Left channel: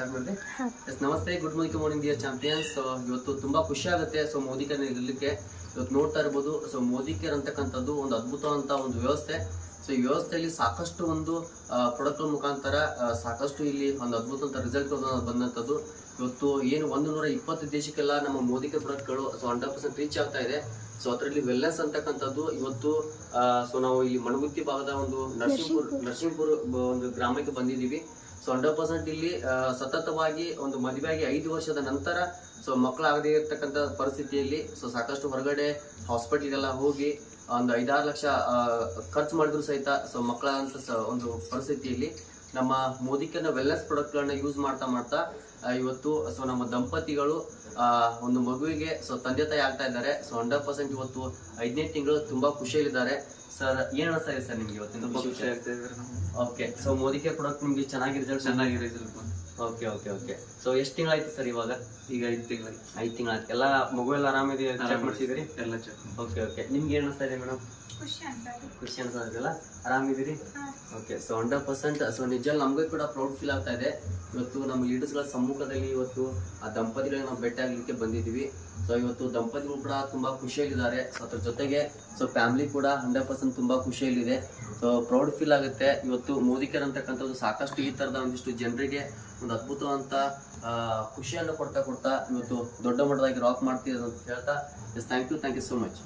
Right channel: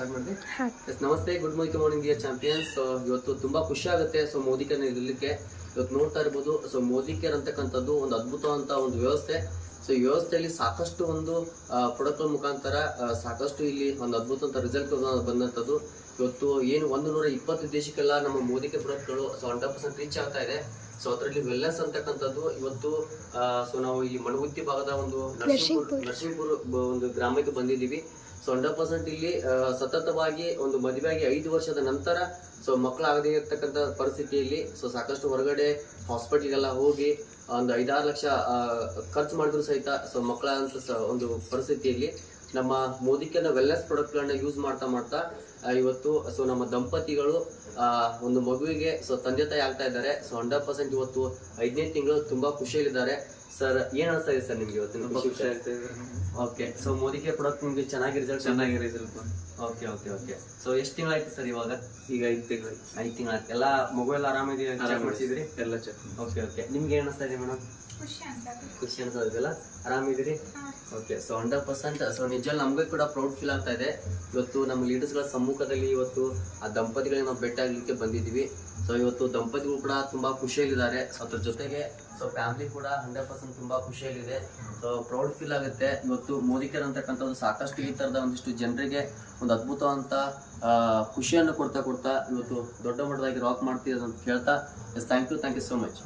Start ಮಾಡಿದೆ. ನಮಸ್ತೆ, good morning dear champions. ಇವತ್ತು ತುಂಬಾ ಖುಷಿ ಆಗುತ್ತೆ. ಸೊ ಮೋದಿ ಕೇರ್ ಇರಲಿಕ್ಕೆ ಇವತ್ತು ನೋಡ್ತಾ ಇರ್ಬೋದು. ಸೊ ಮೋದಿ ಕೇರ್ ಅಂತಕ್ಕಂಥದ್ದು ಒಂದು ಅದ್ಭುತವಂತ ಒಂದು ವ್ಯವಸ್ಥೆ. ಸೊ ಈ ವ್ಯವಸ್ಥೆಯಲ್ಲಿ ಸಾಕಷ್ಟು ಒಂದು ಪ್ರಾಡಕ್ಟ್ ಮುಖಾಂತರ ಸಾಕಷ್ಟು ಇಲ್ಲಿ ಒಂದು ಅದ್ಭುತ ಅಂತ ರಿಸಲ್ಟ್ ಬಂದಂಥದ್ದು. ಇವತ್ತು ಏನು 120 ದೇಶಕ್ಕೆಲ್ಲ ನಮ್ಮ ಮೋದಿ ಕೇರ್ ಪ್ರಾಡಕ್ಟ್ಗಳು ಸೊ 100% ರೀಚ್ ಆಗ್ತಾ ಇದೆ. ಸೊ ಅದರಲ್ಲಿ ವೆಲ್ನೆಸ್ ಅಂತಕ್ಕಂಥದ್ದು ಇವತ್ತು ಸೊ ನಾವು ಇಲ್ಲಿ ಮಣಗುತ್ತಿ ಭಾಗದ ಒಂದು ನರಸಿಂಹಪುರ ಒಂದು ಗ್ರಾಮಕ್ಕೆ ಬಂದಿದ್ದೀವಿ. ಸೊ 100% ಇಲ್ಲಿ ಸತತವಾಗಿ ಒಂದು ಮದುವೆಯಾಗಿ 5 ವರ್ಷದ ನಂತರ ಸೊ ಮಕ್ಕಳಾಗದೇ ಇರ್ತಕ್ಕಂಥ ಪರಿಸ್ಥಿತಿಯಲ್ಲಿ ಸೊ ಸಾಕಷ್ಟು ಹೊರಗಡೆ ಹಾಸ್ಪಿಟಲ್ಗೆಲ್ಲ ಹೋಗಿ ಒಂದು 5-6 ಲಕ್ಷ ಖರ್ಚು ಮಾಡಿದ್ರು ಸಹಿತ ಸೊ ಮಕ್ಕಳ ಅಂತ ಒಂದು ಪರಿಸ್ಥಿತಿಯಲ್ಲಿ ನಮ್ಮ ಮೋದಿ ಕೇರ್ನ ವೆಲ್ನೆಸ್ ಪ್ರಾಡಕ್ಟ್ಗಳನ್ನ ಯೂಸ್ ಮಾಡ್ತಾ ಇವತ್ತು ಸೊ ನಮ್ಮ ದಂಪತಿಗಳು ಒಂದು ಮಗುವಿಗೆ ಸೊ ತಂದೆ ತಾಯಿ ಆಗ್ತಾ ಇದ್ದಾರೆ. ಸೊ 100% ಇವತ್ತು 5ನೇ ತಿಂಗಳು ತುಂಬಾ ಖುಷಿಯಲ್ಲಿದ್ದಾರೆ. ಸರ್ ಏನ್ ಅನಿಸ್ತಾ ಇದೆ ಸರ್ ನಿಮ್ಗೆ ಇವತ್ತಿನ? ಖುಷಿ ಆಗ್ತಾ ಇದೆ. Okay, so Modi care product ನಿಮ್ಗೆ ಚೆನ್ನಾಗಿ result okay okay okay. So ಎಷ್ಟು ತಿಂಗಳಾಯ್ತು ಸರ್ ಇವಾಗ? ಈಗ 5 ತಿಂಗಳಾಯ್ತು. 5 ತಿಂಗಳಾಯ್ತು. ಎಲ್ಲ ಮಗು ಎಲ್ಲ ಆರಾಮಿದೆಯಾ? ಚೆಕ್ ಮಾಡಿಸಿದ್ರಿ? ಎಲ್ಲ ಚೆಕ್. Okay okay. ನಿಮ್ಗೆ ಏನ್ ಅನಿಸ್ತಾ ಇದೆ ಮೇಡಮ್? ಖುಷಿ ಅನ್ಸೋದಿಲ್ಲ? ಆರಾಮಿದ್ದೀರಿ? ಓಕೆ. ಸೊ 100% ಸೊ ನಿಜ ನಮ್ಗೆ ಕೂಡ ಪ್ರೌಡ್ ಫೀಲ್ ಆಗ್ತಾ ಇದೆ. ಇವತ್ತು ನಮ್ಮ ಲೀಡರ್ಸ್ಗಳ ಸಮ್ಮುಖದಲ್ಲಿ ಇವತ್ತು ಆ ದಂಪತಿಗಳಿಗೆ ನಾವು ಭೇಟಿ ಆಗ್ಲಿಕ್ಕೆ ಬಂದಿದ್ದೀವಿ. ಸೊ ಇವತ್ತು ದಂಪತಿಗಳು ಕೂಡ ತುಂಬಾ ಖುಷಿಯಲ್ಲಿದ್ದಾರೆ. ಸೊ ಅದ್ರ ಜೊತೆಗೆ ಸೊ ಫ್ಯಾಮಿಲಿ ಕೂಡ 100% ತುಂಬಾ ಖುಷಿಯಲ್ಲಿದೆ. ಸೊ ಪ್ರೌಡ್ ಫೀಲ್ ಆಗುತ್ತೆ. ಇವತ್ತು ಮೋದಿ ಕೇರ್ ಅಂತಕ್ಕಂಥದ್ದು ಸಾಕಷ್ಟು ಈ ತರದ ಒಂದಿಷ್ಟು ಜನರಿಗೆ ಒಂದು ಅದ್ಭುತವಂತ ಖುಷಿಯನ್ನು ಕೊಡ್ತಾ ಇವತ್ತು ದೊಡ್ಡ ಮಟ್ಟದಾಗಿ ರಾಕ್ ಮಾಡ್ತಿರೋದು ಅಂತ ಹೇಳ್ತಾ ಥ್ಯಾಂಕ್ ಯು ಸೋ ಮಚ್.